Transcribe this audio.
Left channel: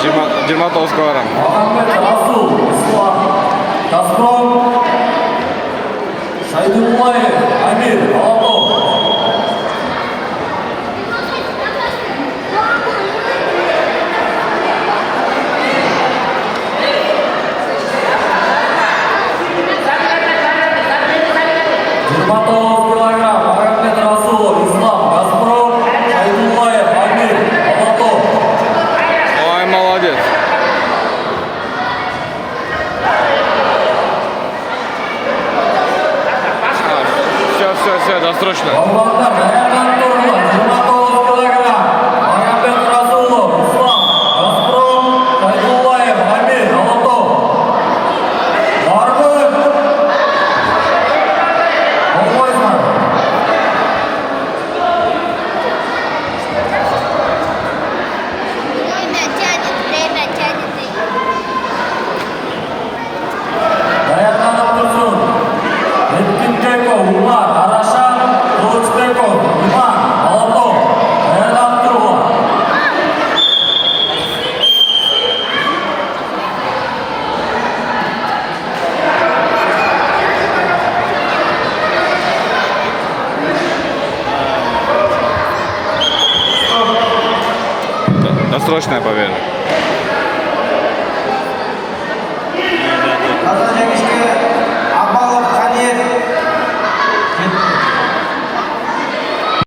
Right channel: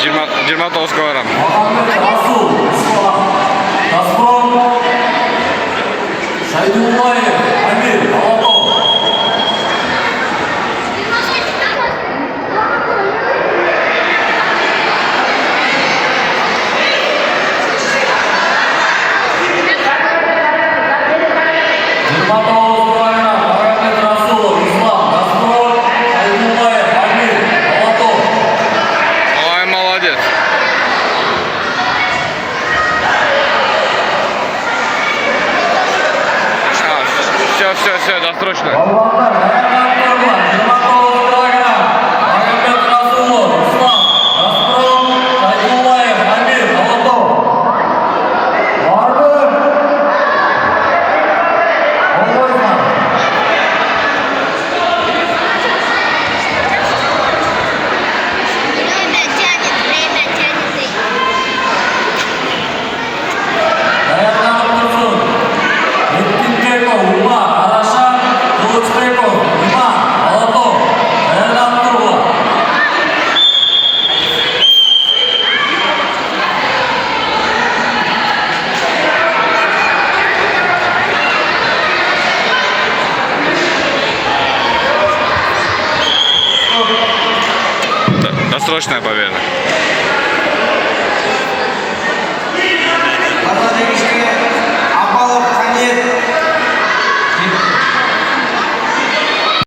29-ға барам. Muhammed Rasul, Islam, Gazprom, Saydulbayev, Amir, Alto. Muhammed Rasul, Islam, Gazprom, Saydulbayev, Amir, Alto. Ой, молодец. Все, досрочно. Балуандар, аяқтан тұрыңдар, 29 килограмм. Muhammed Rasulov, Islam, Gazprom, Saydulbayev, Amir, Alto. Бардық. Қолғойсыңдар. Время тянет. Аяқтанып тұрсын. Еткинбеков, Умар, Арашан, Кылычбеков, Иман, Алто. Аяқтанып тұрғылар. Досрочная победа. Қаза жеңіштер